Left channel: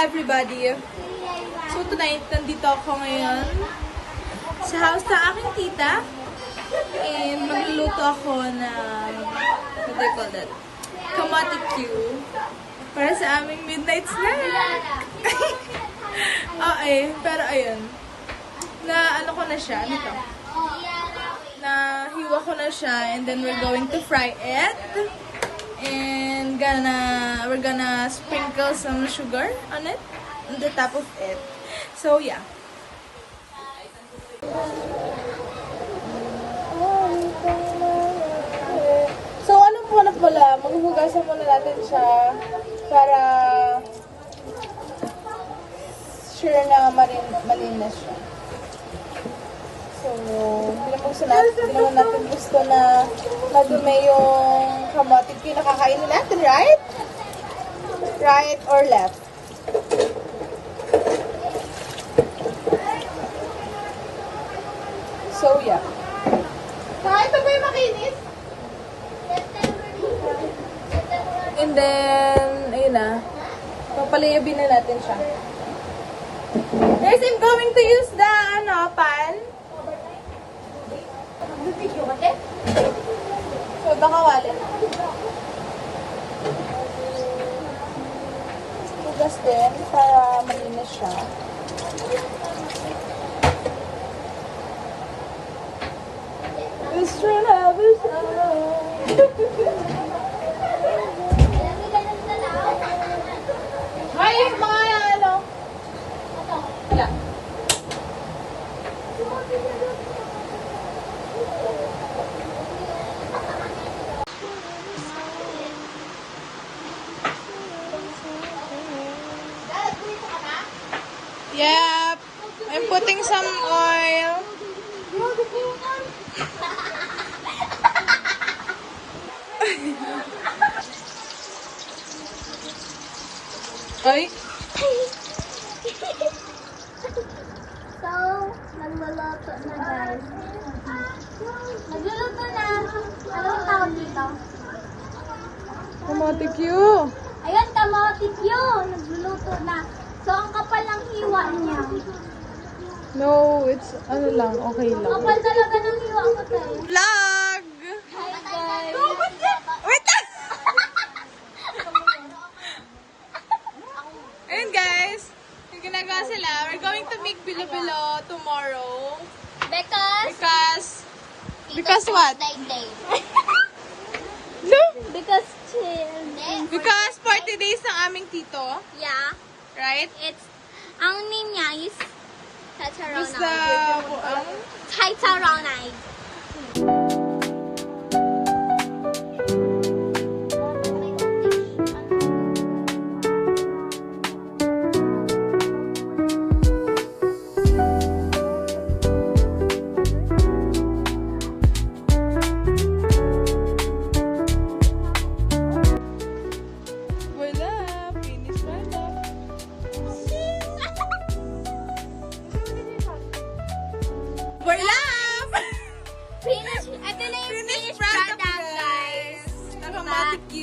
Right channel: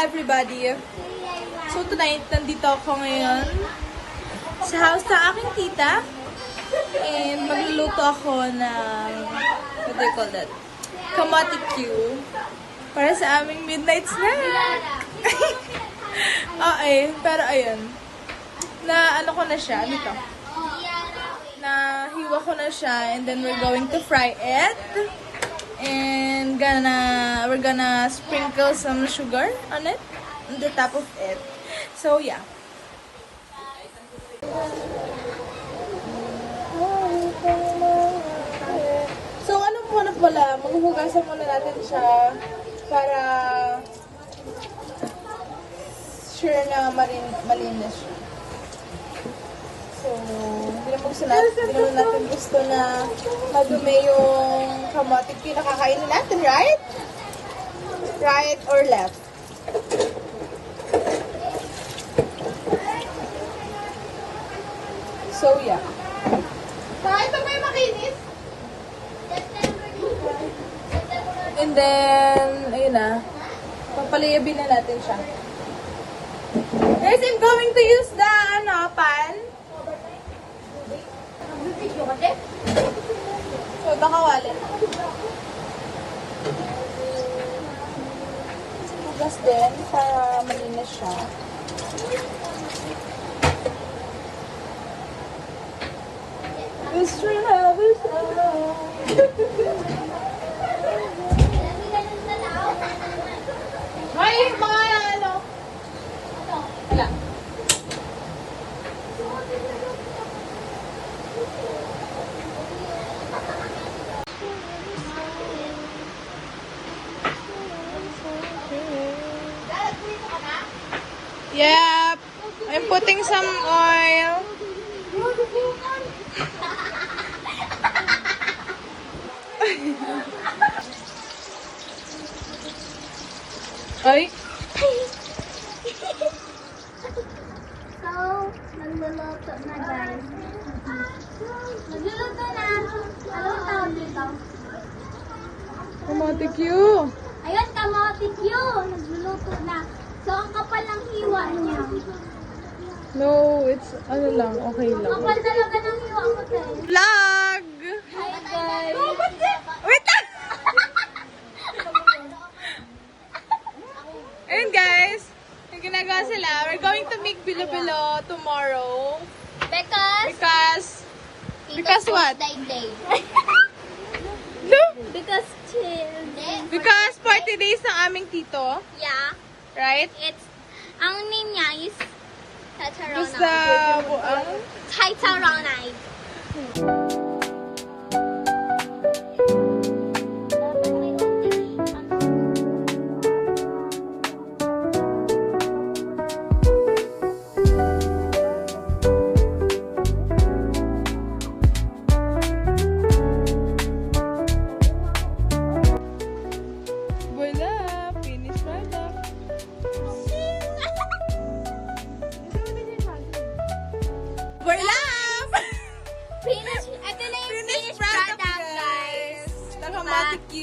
everybody! So tonight, nandito ako ngayon sa house ng aking tita. And magluluto ako ng, what do you call that? Kamote Q. Para sa aming midnight snack. Okay, pero ayun. Na ano ko na siya, ano to? Nahiwa ko na siya and then we're going to fry it. And we're gonna sprinkle some sugar on it, on the top of it. So yeah. So ano muna pala, maghuhugasan muna natin siya para sure na malinis siya. So, hindi naman natin gusto na madumi yung kamote Q na kakainin natin, right? Right or left? So, yeah. Ito ba yung makinis? And then, ayun na. Papaliyabin na natin siya. Guys, I'm going to use the, pan. So, baka wala. Hugas din para malinis siya. This train has May mga ano? Wala. Yep. I'm putting some oil. Ay. So, nagluluto na guys. Nagluluto na. Anong tawag dito? Kamote Q. Ayan, kamote Q. Nagluluto na. So, ang kapal ng hiwa niya. No, it's ano lang, okay lang. Kapal talaga ng hiwa ko tayo. Vlog! Hi guys. Wait lang! Ayun guys, yung ginagawa sila, we're going to make bilo-bilo tomorrow. Because what? Day. No? Because chill. Because 40 days ng aming tito, Yeah. right? Ang name niya is Gusto buang. Tataronite. Wala, finish na na. Wala! Finish. Ito na yung Finish finished product, product, guys. The Kamote Q.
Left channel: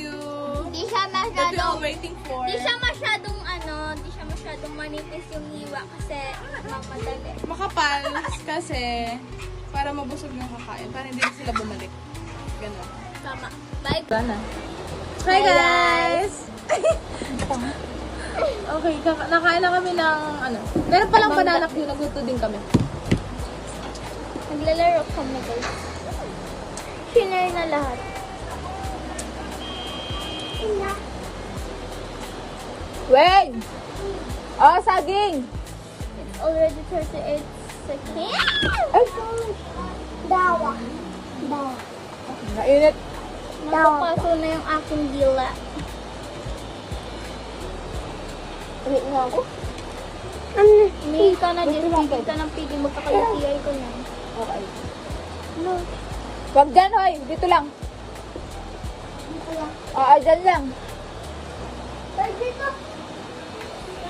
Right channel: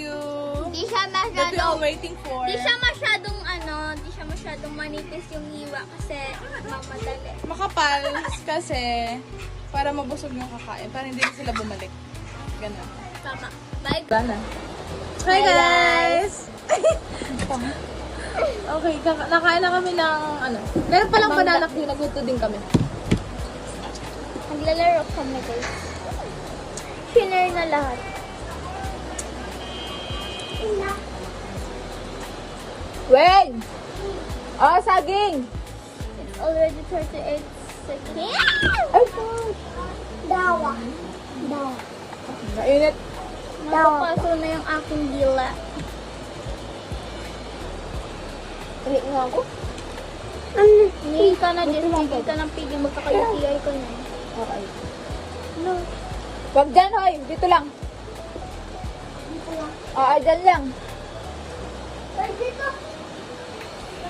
Hindi siya That we're all masyadong, waiting for. hindi siya masyadong manipis yung hiwa kasi mamadali. Makapal kasi para mabusog yung kakain. Para hindi sila bumalik. Ganun. Tama. Bye. Gana. Hi guys! Okay, nakain na kami ng ano. Meron palang banana Q. Nagluto din kami. Maglalaro kami guys. Shiner na lahat. Wait! Oh, saging! Already 38 seconds. Ay! Dawa. Mainit. Napapaso na yung aking dila. Wait nga ako. Hindi ka na dyan. Hindi ka na pwede magkakalatiyay ko na. Okay. Wag dyan, hoy. Dito lang. Dyan lang.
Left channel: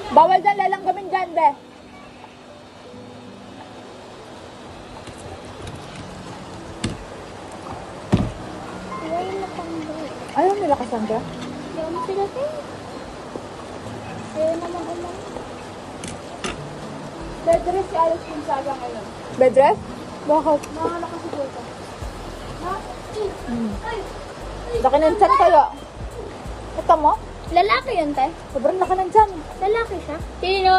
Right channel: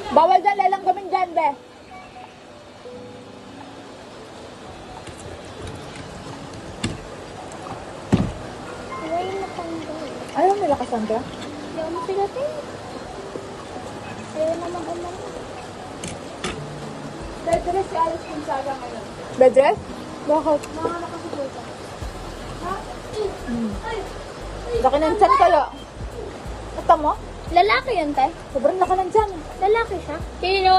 Bawal dyan. Lalang kami dyan, be. Ayaw na tanggal. Ayaw nila kasandra? Ayaw na sila to. Ayaw naman alam. Bedrest si Alice Gonzaga ngayon. Bedrest? Bakit? Nanganak ako sa dito. Laki ng tiyan kaya. Ito mo? Lalaki yan, tay? Sobrang laki ng tiyan. Lalaki ka? Sino?